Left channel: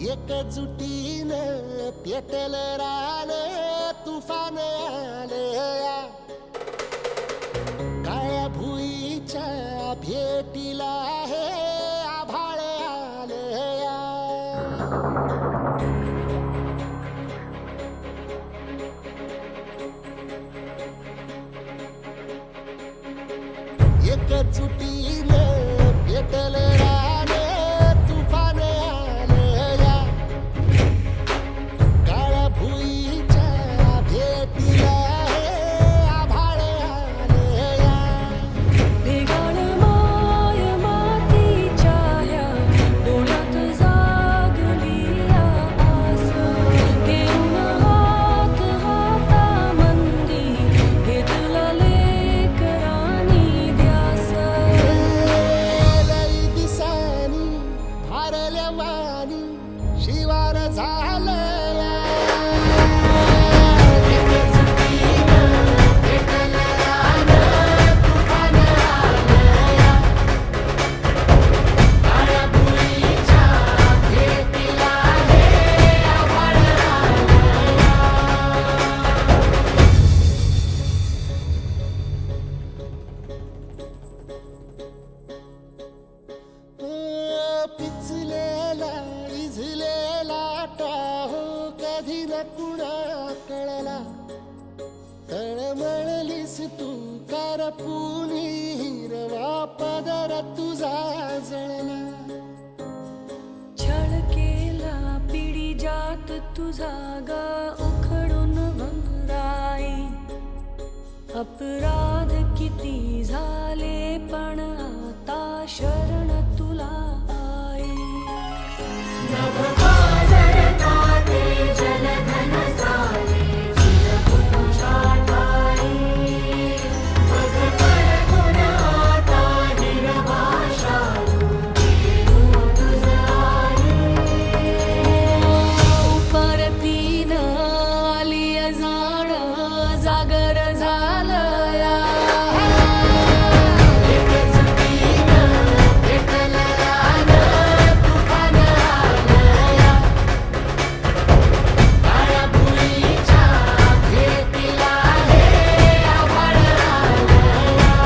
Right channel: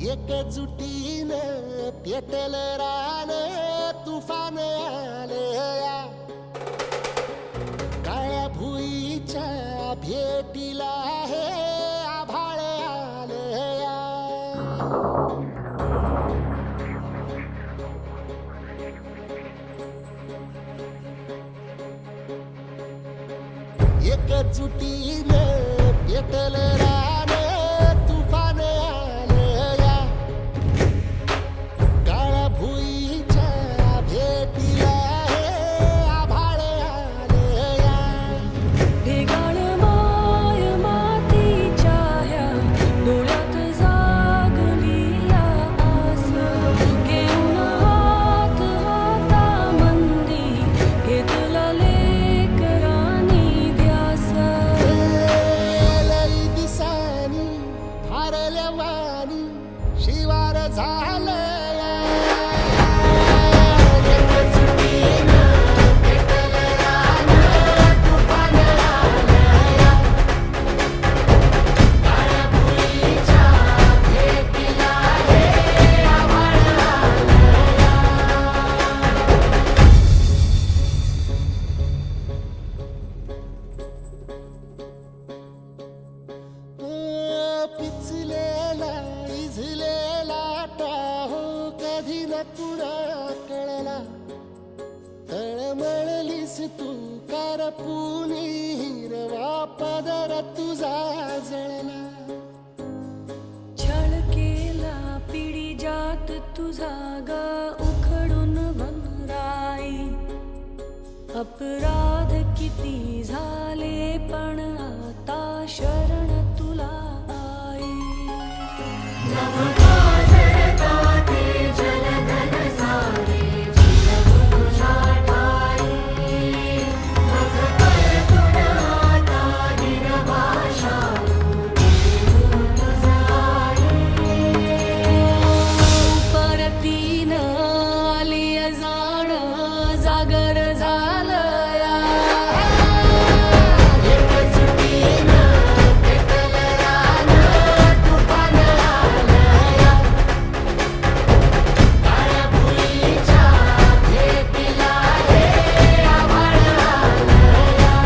एकजुटीनं पेटल रान तुफान आलया काळ्या भुईच्या भेटीला हे आभाळ आलया एकजुटीनं पेटल रान तुफान आलया काळ्या भुईच्या भेटीला हे आभाळ आलया भेगाण माय मातीच्या ह्या डोळ्यात जागली या आस घेऊन हात हातामंदी घेतला लेकरांनी ध्यास लई दिसानी भारल्या वाणी शिवार झालया एकजुटीनं पेटल रान तुफान आलया काळ्या भुईच्या भेटीला हे आभाळ आलया पिचलेला इझलेला टाहो कधी न कुणा कळला तळमळलीस तू करपुनी हिरवा पदर तुझा जळला छळ केला पिढी जात तुझा ग उखडून वनराई अपराध किती झाले पण आता शरण तुला आई परतीन आली जाण जागर झालया एकजुटीनं पेटल रान तुफान आलया काळ्या भुईच्या भेटीला हे आभाळ आलया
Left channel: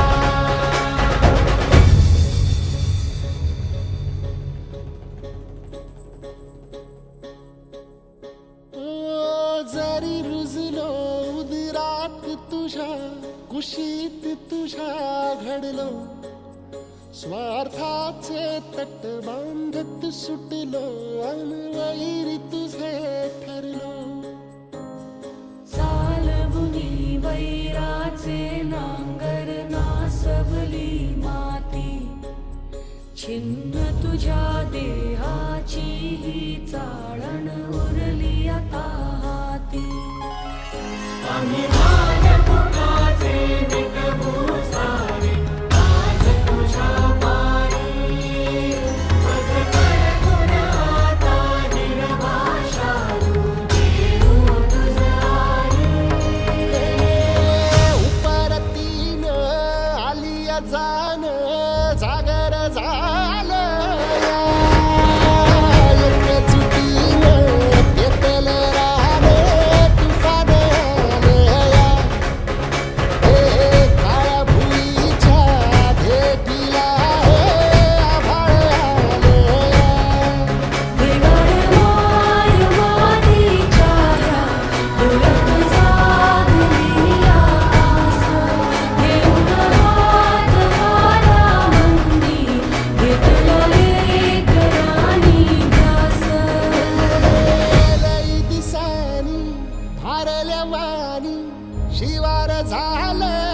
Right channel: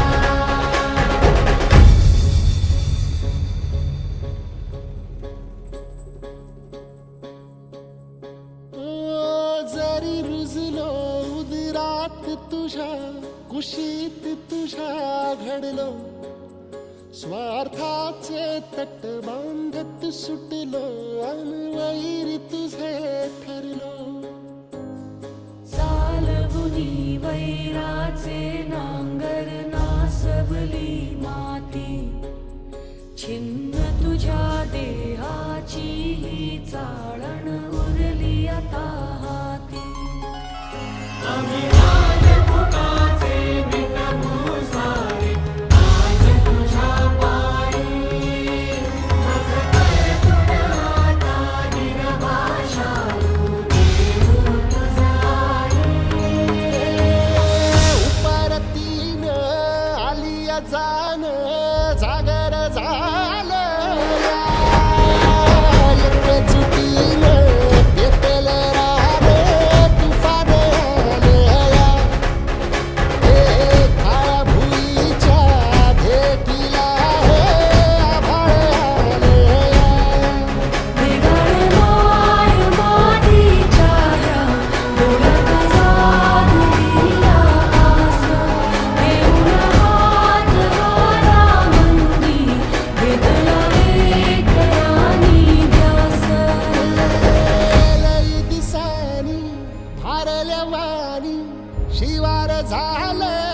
जरी रुजलो उदरात तुझ्या कुशीत तुझ्या घडलो स्वार्थाचे तट बांधत सुटलो अनवैरी तुझे ठरलो चालवुनी वैराचे नांगर नासवली माती छिन्न तुझ्या देहाची ही चाळण उरली आता हाती उपरतीनं आली जाण जागर झालया एकजुटीनं पेटल रान तुफान आलया हे काळ्या भुईच्या भेटीला हे आभाळ आलया भेगाण माय मातीच्या ह्या डोळ्यात जागली या आस घेऊन हात हातामंदी घेतला लेकरांनी ध्यास लई दिसानी भारल्या वाणी शिवार झालं